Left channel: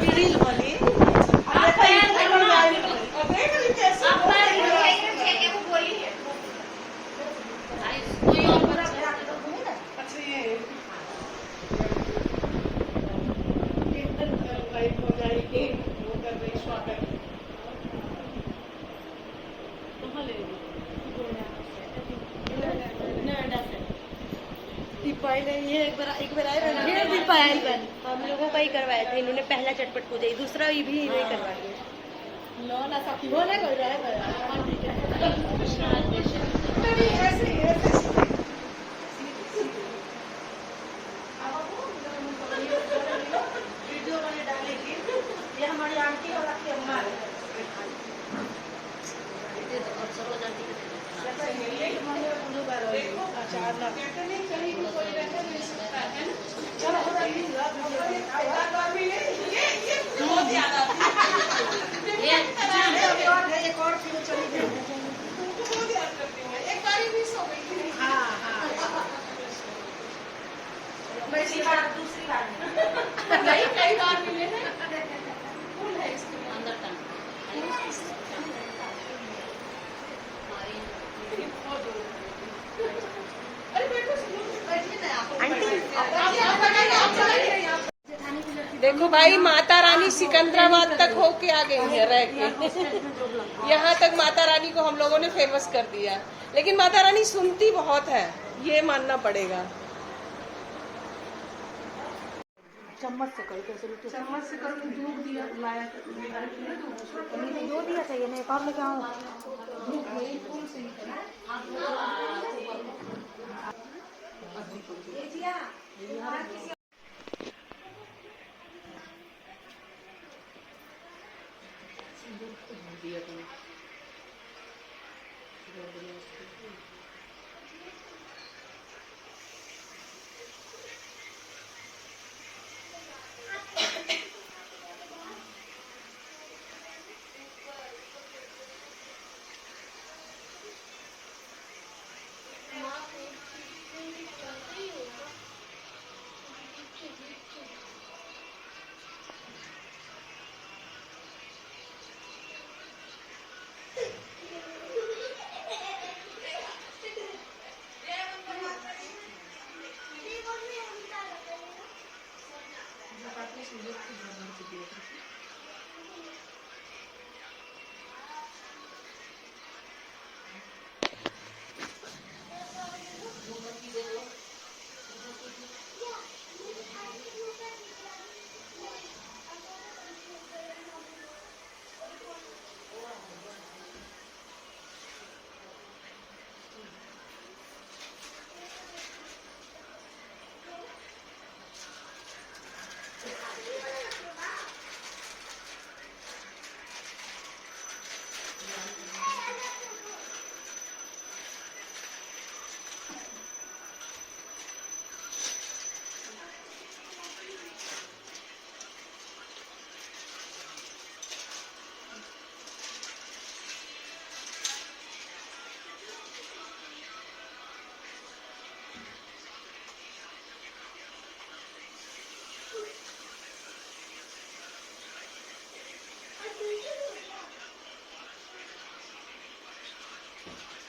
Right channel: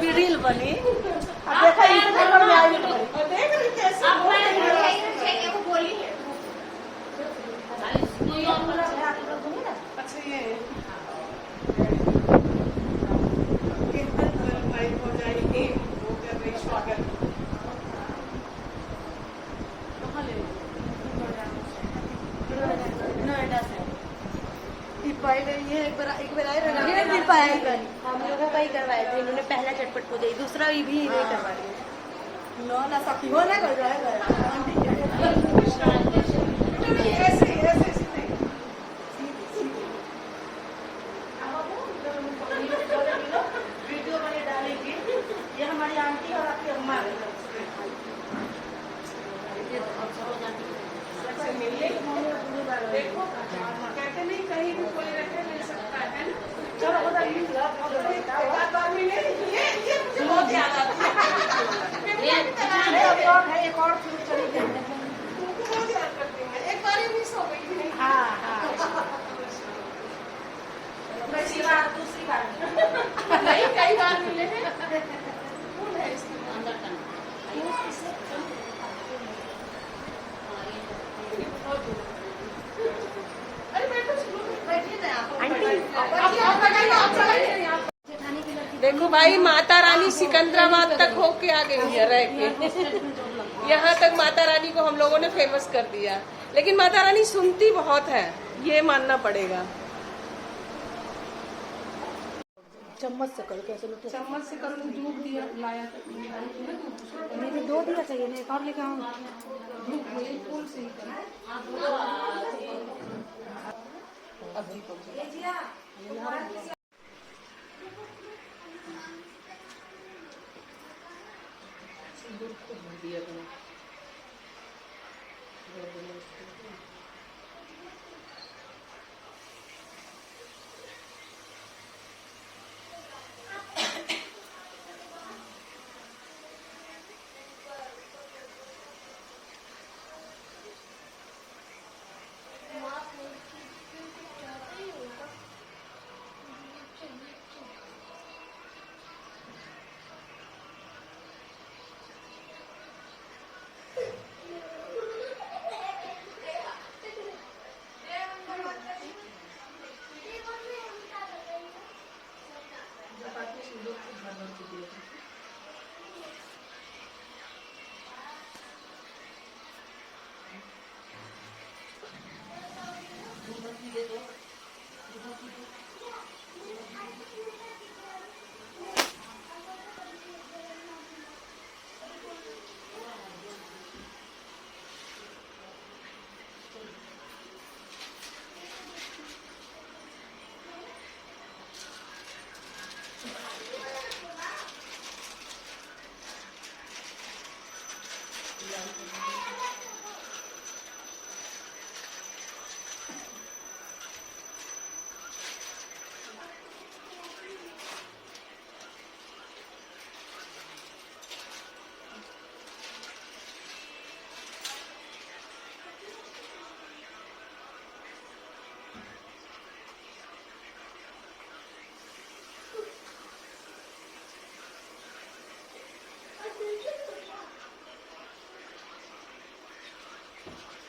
Reel बनी। अच्छा ये हो जाएगी वो कर रही स्वागत कहाँ ले नोएडा से ये एक बार आए रहे ये भी पायल कर हम लोगों का ही करवाए थे इन्होंने पहला चटपट पूजा दूसरा भी नहीं करवा दिया नो ना सखी हो ना कर रहा है वीडियो मैंने डालेगी ये हमारी आंटी और आपकी अम्मा है कहते नहीं कहीं भी कोई रखे नहीं सकता है ये बहुत याद आती है एक और चली जाएगी तुमको बहुत याद करती है एक बार मिस हो गई थी मैं दूसरी बार नहीं कई बार मिले हैं कौन है देखो भाई माता रानी सिकंदराबाद तक होके आ गई है रह के यहाँ तक माता रानी को हम लोगों ने फेमस कर दिया लेकिन माता रानी सुनती बहुत है ये मानना पड़ेगा। चम्मच से करके चम्मच से करके दूध दिया लाया दो दिया चाहिए मैं एक और लेके आऊँ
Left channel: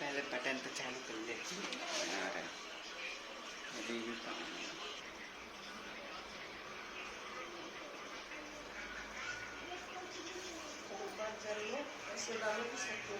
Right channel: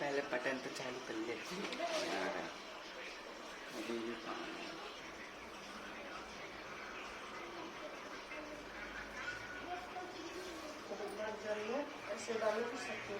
पहले बटन तो चालू कर ले आ रहा है अभी भी पानी ऐसे डालो तो सकते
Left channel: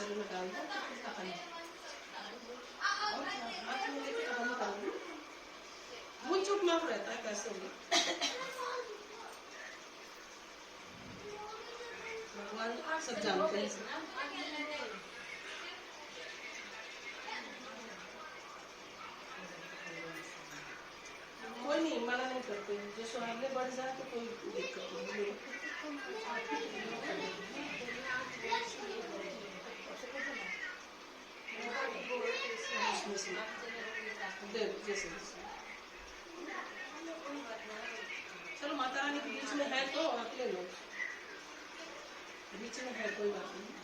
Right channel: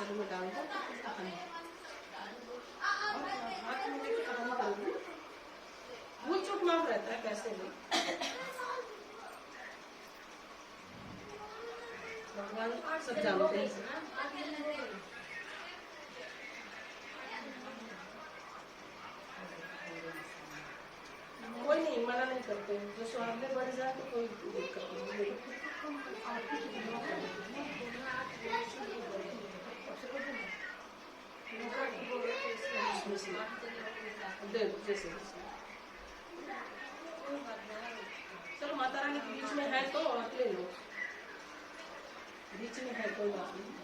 कचरे में डाल दो, खत्म। और हाथ में लेके खत्म कर दो। वो चुप माफ रहता है कैसे भी। भगवान सब जानते हैं। कोई नहीं, मना नहीं करते हैं, जो स्वाद में बढ़ जाए तो कोई दिक्कत नहीं। जैसे चलो माता रानी के बीच में है तो आप ले लो, बीच में है कोई बात नहीं।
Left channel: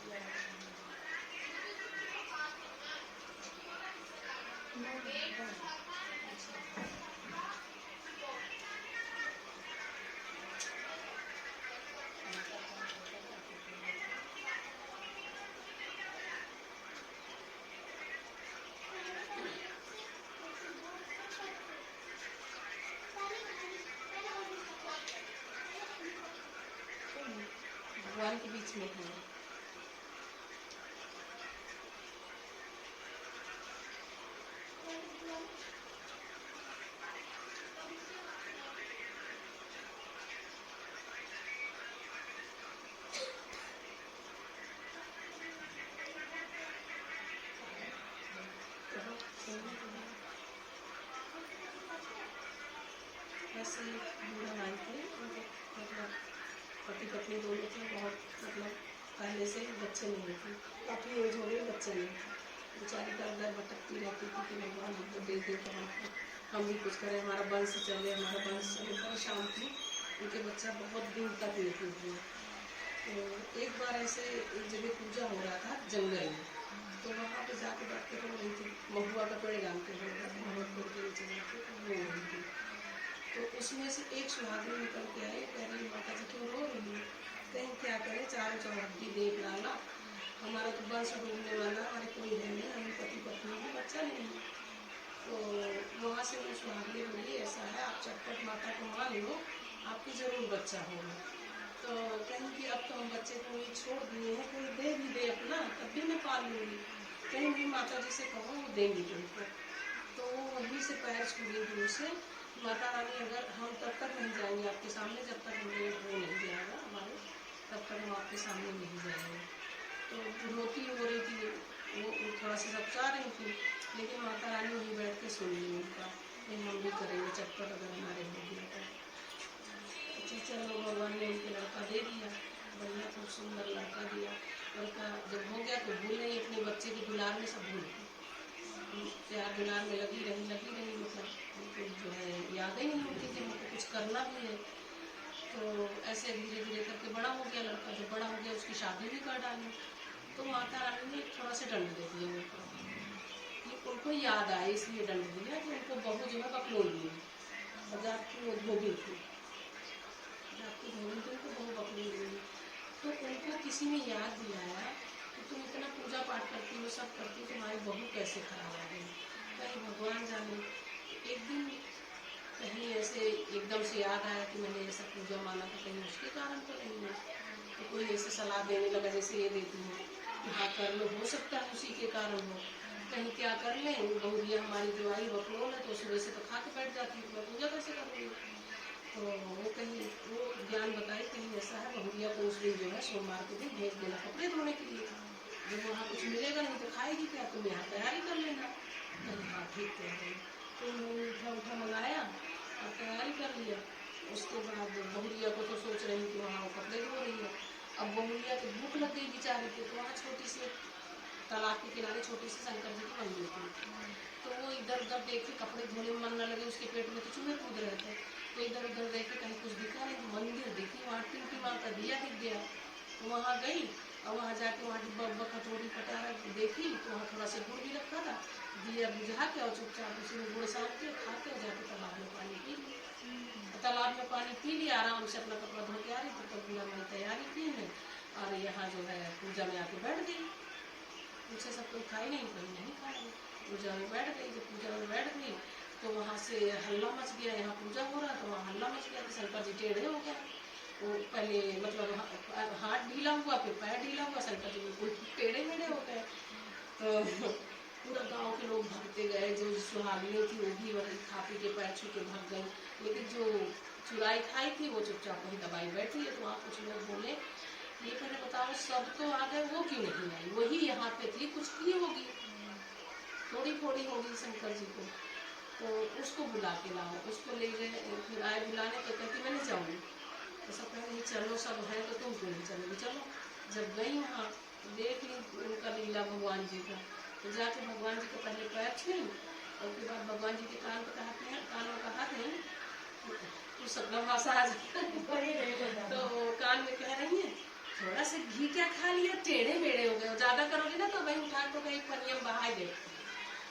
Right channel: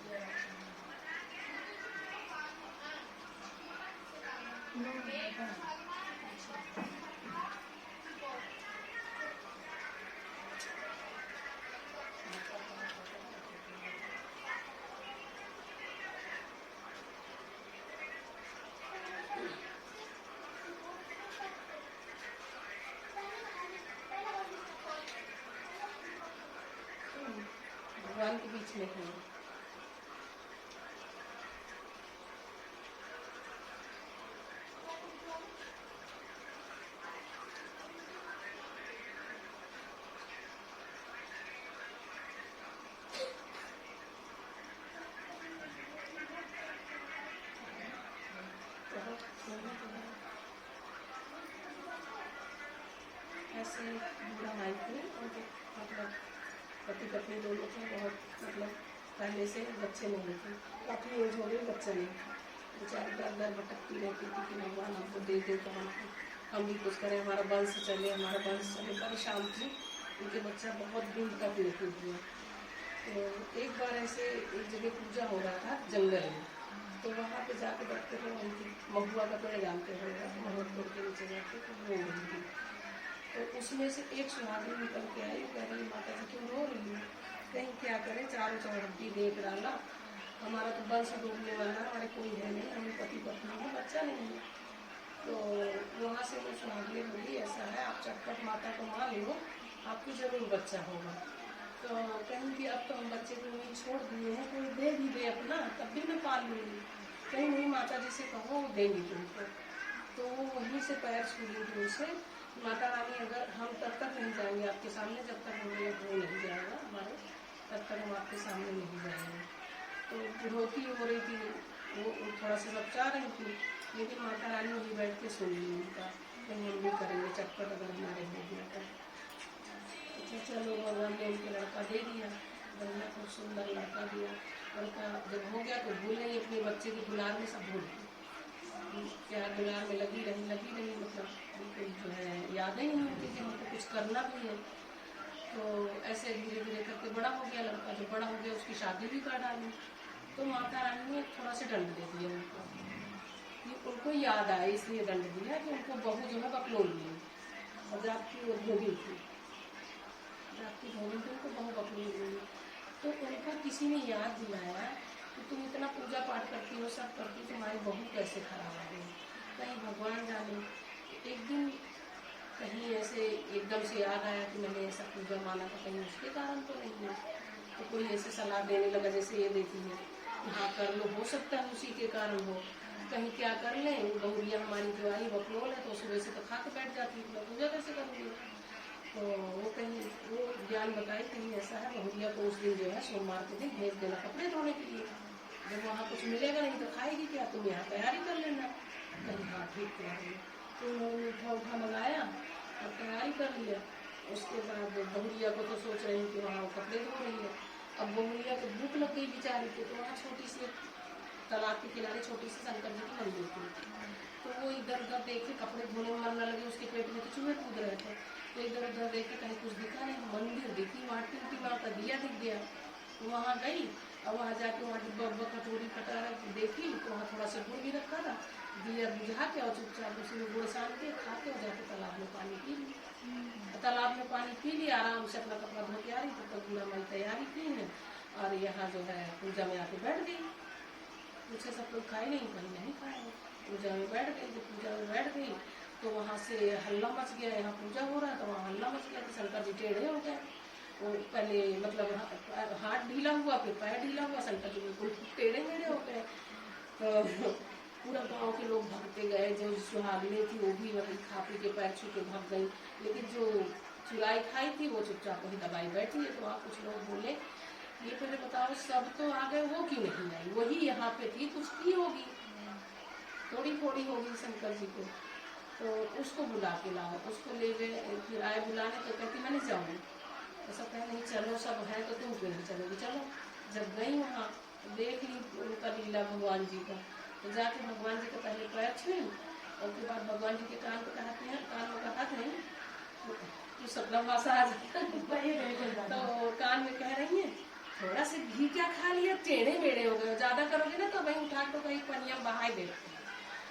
भगवान के बीच में है। ऐसे बूढ़ा माई थे, मतलब पति पत्नी दोनों थे, बहुत मतलब पहले से बच्चे नहीं थे, काफ़ी एज हो गई, बच्चा नहीं था। बेचारी डर डर भटकती रहती थी कि भगवान हमको दे दे तो हम भी कुछ करें, हमारा वंश चले, हमारा वंश चले। परेशान थी, उनके बच्चा बहुत दिन तक लेते हुए। तो एक बार ऐसे एक जगह पूजा हो रहा था जंगल में, तो वहाँ पे जाके बैठते थे, वहीं थी महुआ का पेड़ जानते हो, महुआ पेड़ के नीचे जाके वो वहीं थी। तो उसमें से एक सुहागिन निकल के आई, कह रही माता जी क्यों रो रही है? कहीं क्या करें, चारों चौहद्दी देख डाला, हमारा तो वंश डूबने वाला, हमारे कोई है नहीं, हमें पति पत्नी है, बच्चा नहीं है। तो वहाँ से वो सुहागिन बोली ऐसा है, आप चटपट माता को मान लो, आपकी जरूर बच्चा होगा। तो कहीं कि अब तो हम बच्चे को नहीं छोड़ दिए हैं, कोई दे भी दे अपना, तब भी मैं पाल लूँगी। कहीं नहीं, माता जी से कहो वो देंगी तुमको। तो वो वहीं से पैर छूली दूर से, माता रानी अगर हम तब तक नहीं जाएंगे आपके सामने, जब तक हमें वो नहीं जाएगा हमारे, तब तक हम आपके सामने नहीं जाएंगे। तो रोती हो रही थी, वो थोड़ा सा सबचा रही थी, लेकिन माता रानी वहीं बैठ के सुन ली उनका, नहीं हम भी करेंगे चटपट अगर हमारे हो गया तो। अच्छा चलो, भगवान ने उनके लड़का दे दिया, बढ़िया खूब सुंदर लड़का दिया। लड़का जब हो गया तो भूल नहीं, अपने बच्चे के दुलार में सब भूल गई, प्यार दुलार में लगी रही, मतलब बिल्कुल जो है याद ही नहीं होती कि हमको कुछ करना भी है। तो ऐसे धीरे धीरे करके बड़ा हो गया लड़का, जब बड़ा हो गया उसकी शादी भी कर डाली। तो माता रानी ने थोड़ा सा दंड दे दिया उनको, कि उनको याद आए इसलिए दंड दिया कि उनको बहू जो है बकलोल ली, और जाती वो धोबी थी, जाती धोबी थी, उनको बहू बकलोल ली। तो उनको किसी ने याद दिलाया कि तुम इतना पूजा पाठ करती हो, सब करती हो, तुम्हारी बहू कैसे खराब आ गई। कहीं भगवान जाने, एक दिन कहीं ऐसे एकदम से याद आया कि मैंने ऐसा पूजा माना था, कहीं उसके कारण तो नहीं है। तो कोई ऐसे सलाह देने लगा जैसे ये देती है कि हाँ कर लो, हो सकता है उसी के कारण हो, कहीं क्या कर लें, बहुरिया हमारी जो आई बकलोल है, तो सुबह से तो खा के बैठ जाती है, मैं पूजा कैसे करूँगी। तो वो कहीं वो ज्ञान बताई कहीं ऐसा है, बहुरिया को उस दिन जो है सोमवार के दिन भेज देना कपड़े धोने के लिए, जब वहाँ कुछ मिलेगा नहीं तो खाएगी क्या, तुम यहाँ तैयारी कर लेना। कहीं हाँ ठीक कह रही। तो उन्होंने उठा मंगाया और तैयारी कर लिया। उसके बाद बहुरिया को तो सोच रही कि वहाँ वो कपड़े धो रही है। अब बहुरिया को भूख लग गई बेचारी को, तो वहाँ छोटी सी तालाब के किनारे छोटी सी शंकर जी की मंदिर थी। तो वो इधर उधर देखे, कपड़े धोने में मन न लगे, उसके पेट में तो चूहे कूद रहे थे। तो इधर उधर देखे, कहीं कुछ दिखा नहीं, मंदिर दिखी, वहाँ टिमटी माँ का दिया दिख गया। तो वहाँ गई और वहाँ जाके वहाँ डिब्बा उब्बा कटोरी कटारा देखी, तो वहाँ थोड़ा सा गुड़ भी रखा था, दिया बुझा के और चुपचाप उसी में गुड़ सान के खा के जाके तालाब में पानी पी लिया। तालाब में पानी पी लिया, आराम से अपना कपड़ा धो के आ रही, तो पूरा मैं तैयारी की है और यहाँ जो है पूजा में आके बैठ गई। मुझसे सब कोई खाई नहीं, कहीं नहीं खाया, पूजा में बैठ गई। तो पूजा में बैठ गई तो वहाँ से हल्ला मच गया, यहाँ पूजा हो रहा है तो वहाँ हल्ला मच गया कि शंकर जी टेढ़े हो गया। वो पहले मतलब हाथ ढीला हुआ, फिर पैर ढीला हुआ, शंकर जी बिल्कुल टेढ़े मेढ़े हो गए। तो पूरा गांव के लोग भागते गए, जो सुहागिनें थी वो भी वही खा पी के पैर छू के भाग गई, लेकिन जो चुराई खाई थी वो चुपचाप वही दबाई बैठी है। तो वहाँ कुछ लोग बोले, ये पहले बताओ सब तो आ गए, वो क्यों नहीं आई, वही यहाँ पे थी, कुछ की होगी, थोड़ी थोड़ी होगी शंकर जी को, तो उसको बुला के लाओ। उसको ले गए, फिर आए बुलाने, तो कहती मैं नहीं जाऊँगी। तो सब कह नहीं चलो, सब है तो तुम क्यों नहीं चलोगी, चलो। जब गई वहाँ देख ली उनका लीला भगवान जी का, तो जाके भगवान जी के पहले पैर छुई, और उसके बाद भगवान जी के कान पे कहते हैं, कानों का हाथ है तो सब भाषा आ जाता है। तो कान में कह रही है, थोड़ा से घी क्या खा लिया, टेढ़े मेढ़े हो गए, ज्यादा करोगे ना तो वही उठा तो कहीं पनिया बहा दे।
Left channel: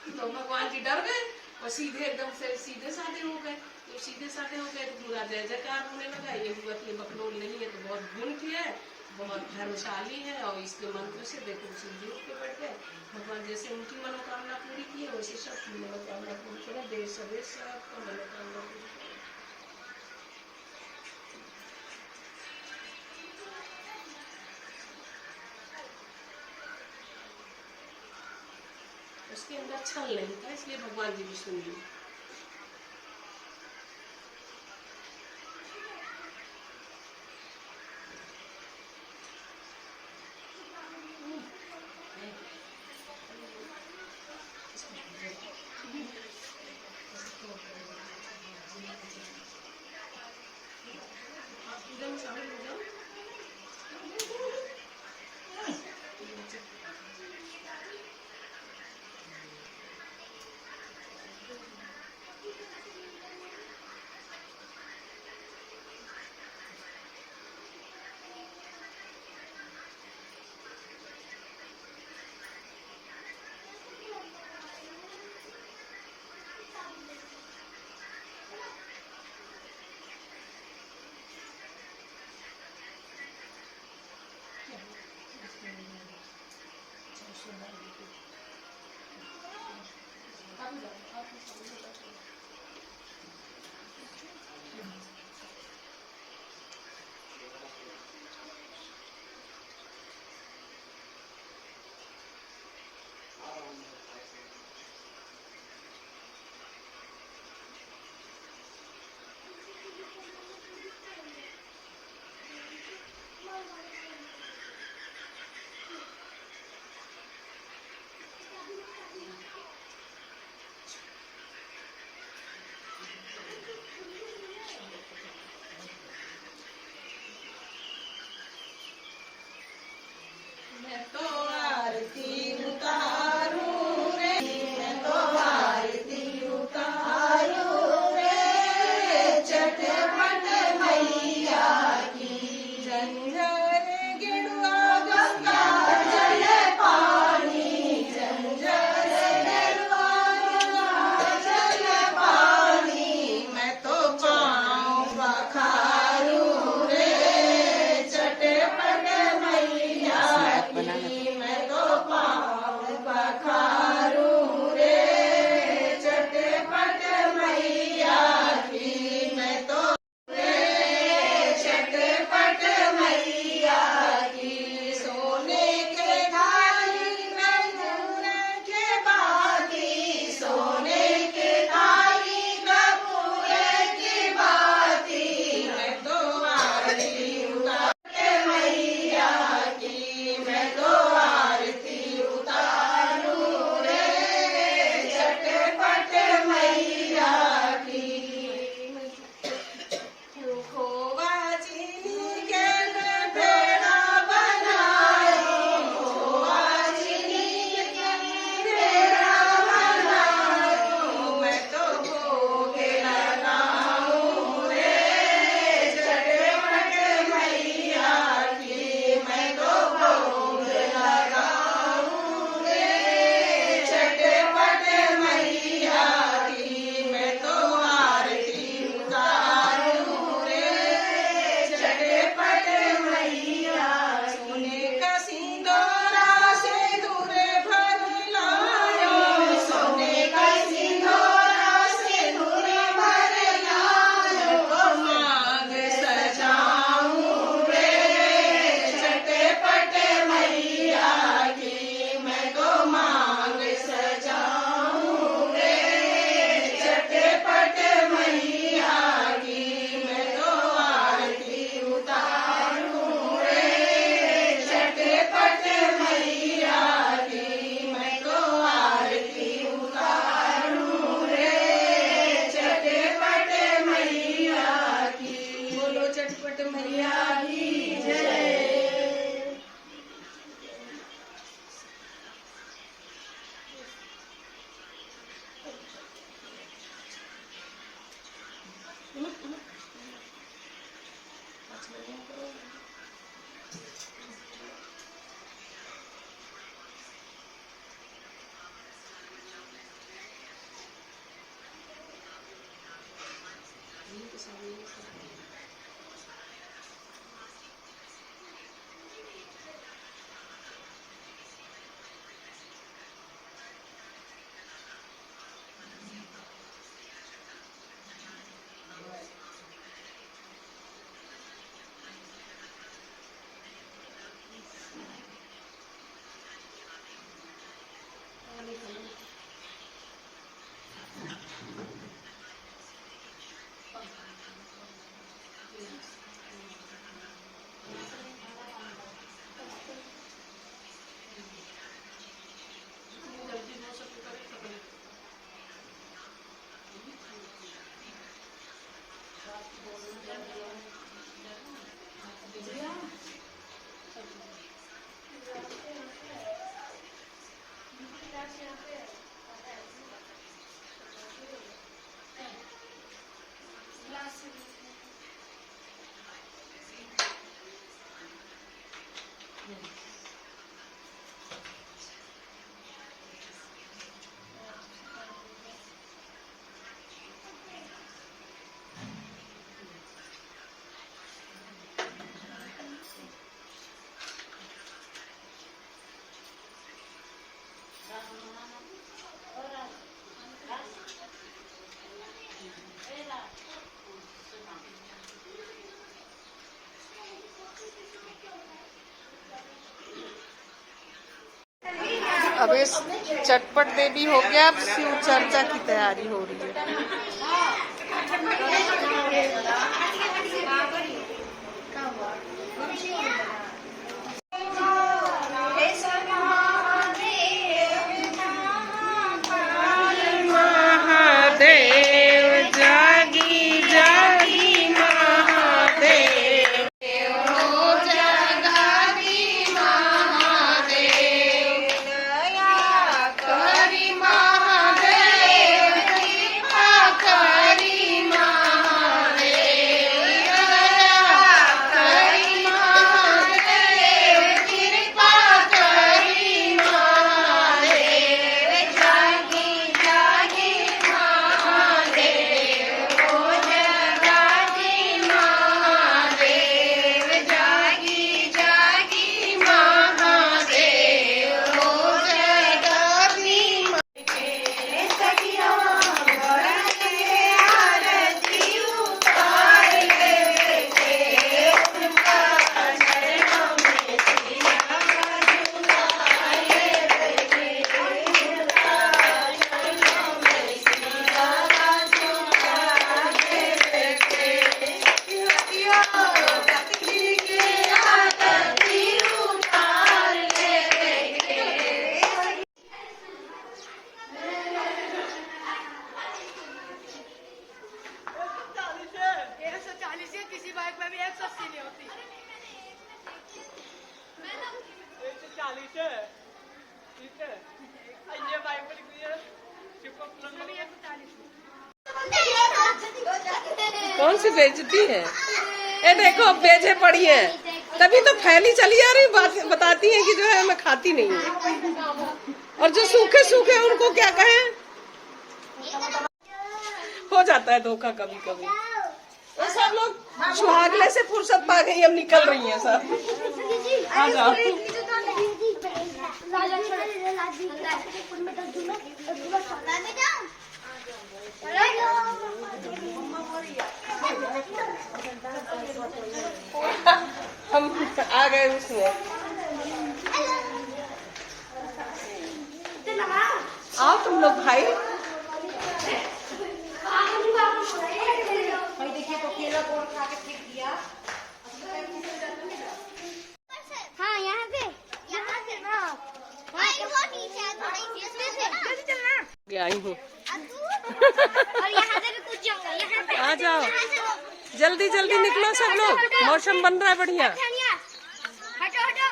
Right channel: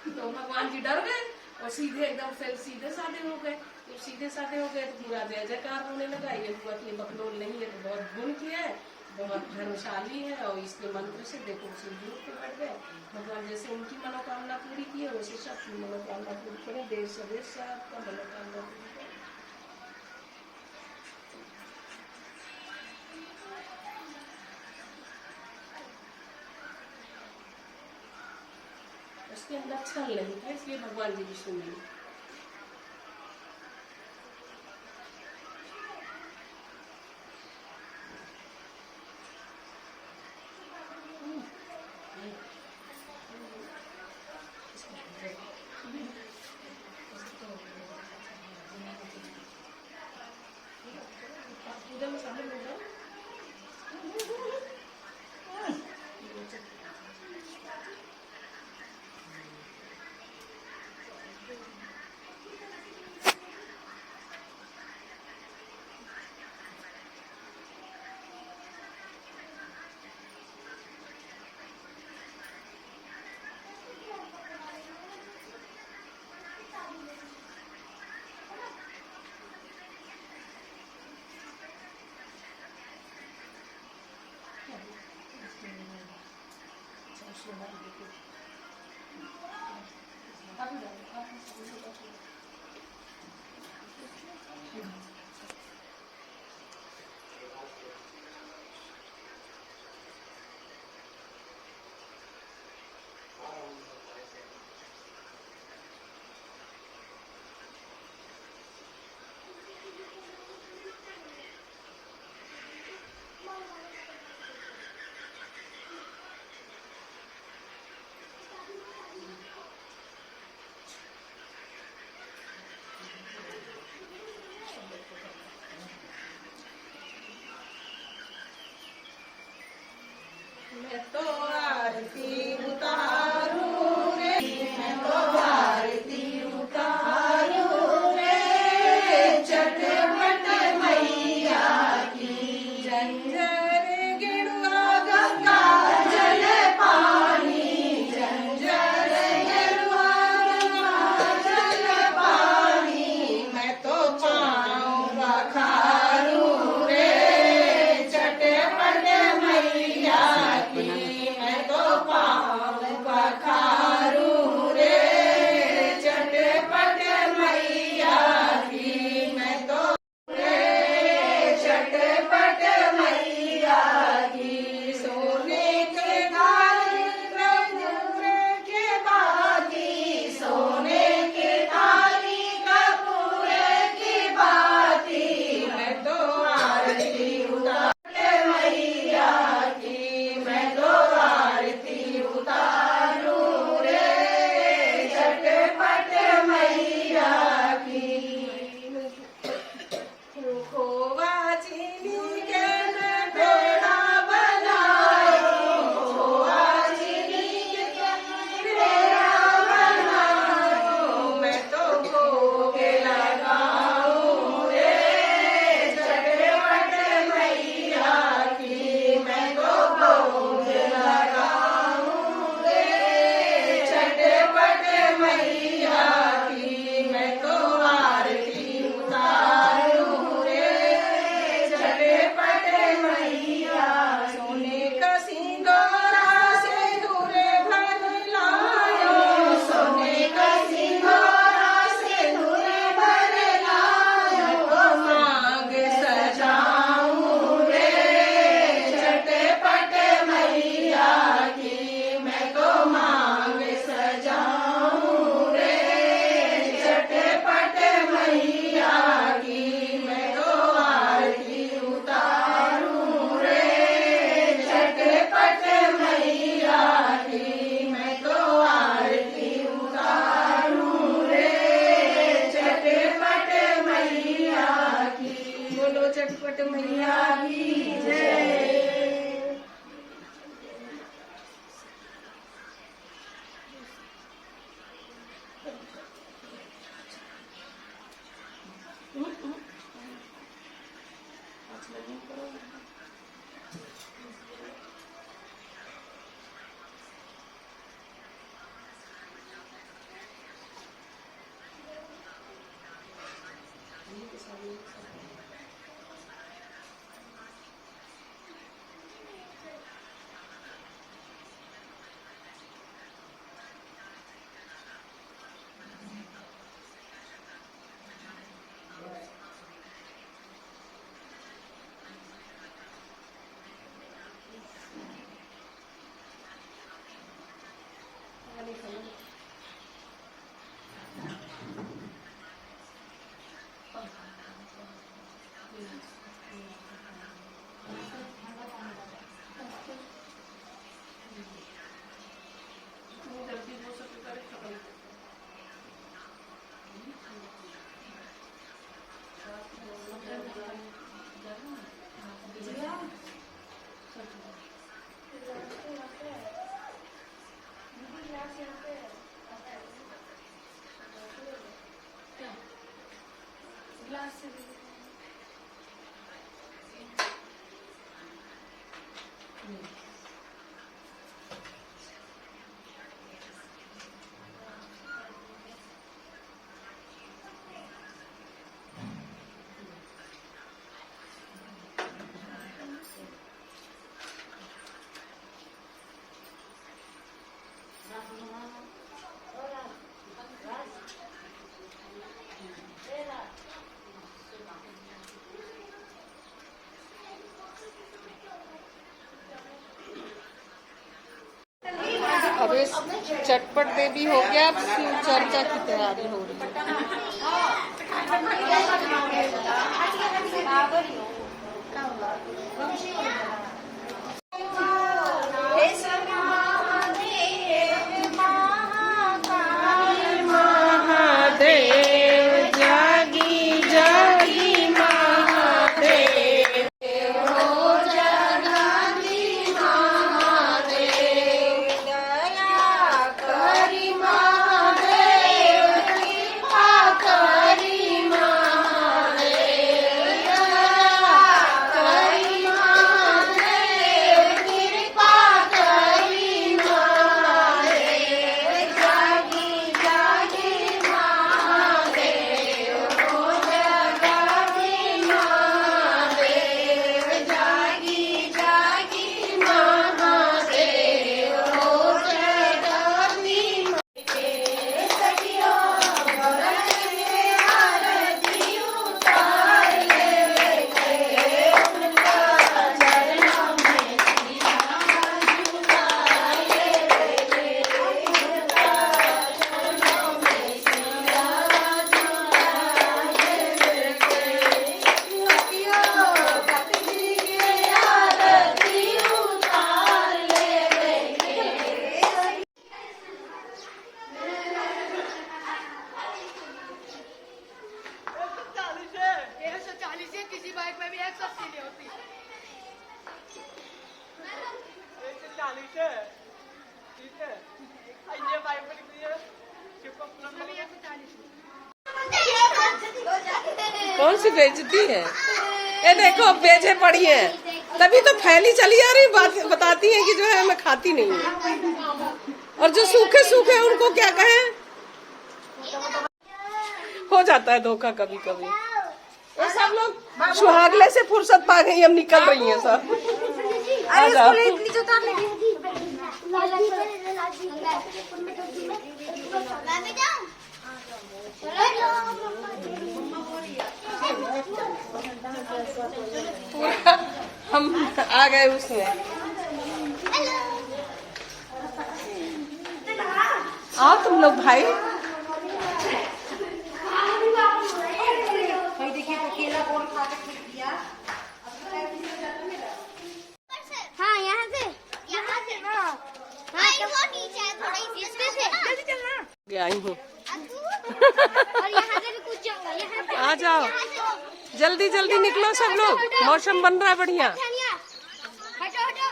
तो भगवान जी डर गए और सीधे एकदम से सीधे साधे हो गए। तो सीधे साधे हो गए तो पूरा जय जयकार होने लगा। ये हुआ कि ये बकलोल नहीं है तो बहुत गुण की है, बहुत धर्मशाली है, और इसके मंत्र से देखो शिवजी उठ के बैठ गए। भगवान जैसे उनकी मनोकामना पूरी की है वैसे सबकी मनोकामना पूरी करें, देश सदेश से आपका मनोकामना पूरी करें। उसके अंदर छल नहीं था, इसलिए भगवान जी भी सुन लिए। पूजा में शामिल हो जाओ। मैं तो आरती उतारूं रे, मैं तो आरती उतारूं रे, चटपट मैया की जंजर गिड़ुआ गंगा जल पानी, जंजर गिड़ुआ गंगा जल पानी, मैं तो पाँव बखारूं रे, चटपट मैया की, मैं तो पाँव अब इस चटपट देवी हो गया, अब शिव चर्चा की तैयारी हो रही है। महादेव जागी जागी महादेव, किसी बाइक में भी 180 में होती है। कौन सी बेइज्जती है? ये देखो बेचे पड़ी है, तभी तो फैली चली आ रही बात, बताती है कि जो है मैं खाती नहीं हूँ, और जो सूखे सूखे उनको क्या कहें। हो जाता है धोखा कभी कभी। ये सब लोग सुहागले से फुर्सत पा गई, अब निकल रही हैं सब। आ जाओ। हम आ गए उसमें। आओ तुम लोग भाई। हाँ यहाँ से आई हूँ। और यहाँ से भी कुछ जाऊंगा, यहाँ से आ जाओ, जल्दी जल्दी निकलो सब लोग, मौसम बन रहा है बढ़िया। हटो हटो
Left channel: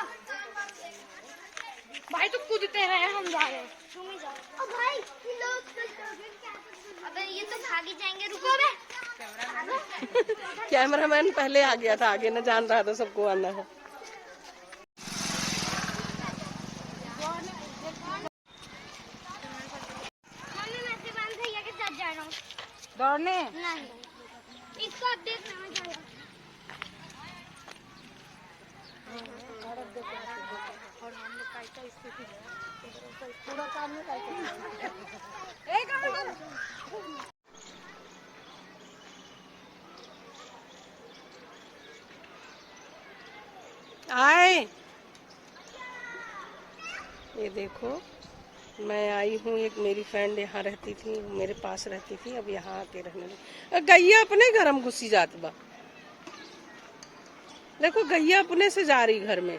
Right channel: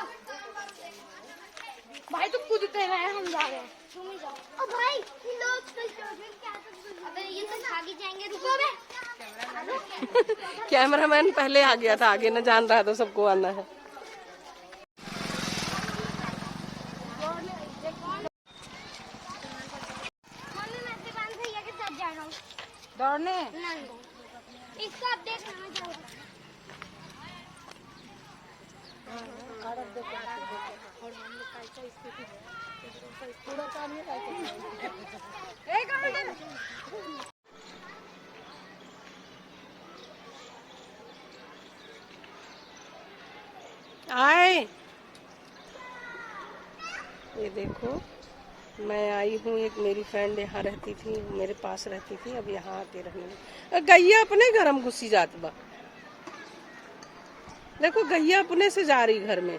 भाई, तुम कूदते रहे, हम जा रहे हैं, तुम ही जाओ। ओ भाई अबे ये तो भाग ही जाएंगे, रुको बे। कैमरामैन पहले आ गया था, आगे न जान रहा था सबको आना है। दौड़ने नहीं, इसको अब देख लेना आए, ये देखो मैं आई हूँ। एक मेरी फ्रेंड यहाँ रहती थी, मेरे पास रहती थी, अब यहाँ आके रहने लगी। गैया अपने घर हम घुसी जाती बा, देखो गैया अपने से जा रही घर में।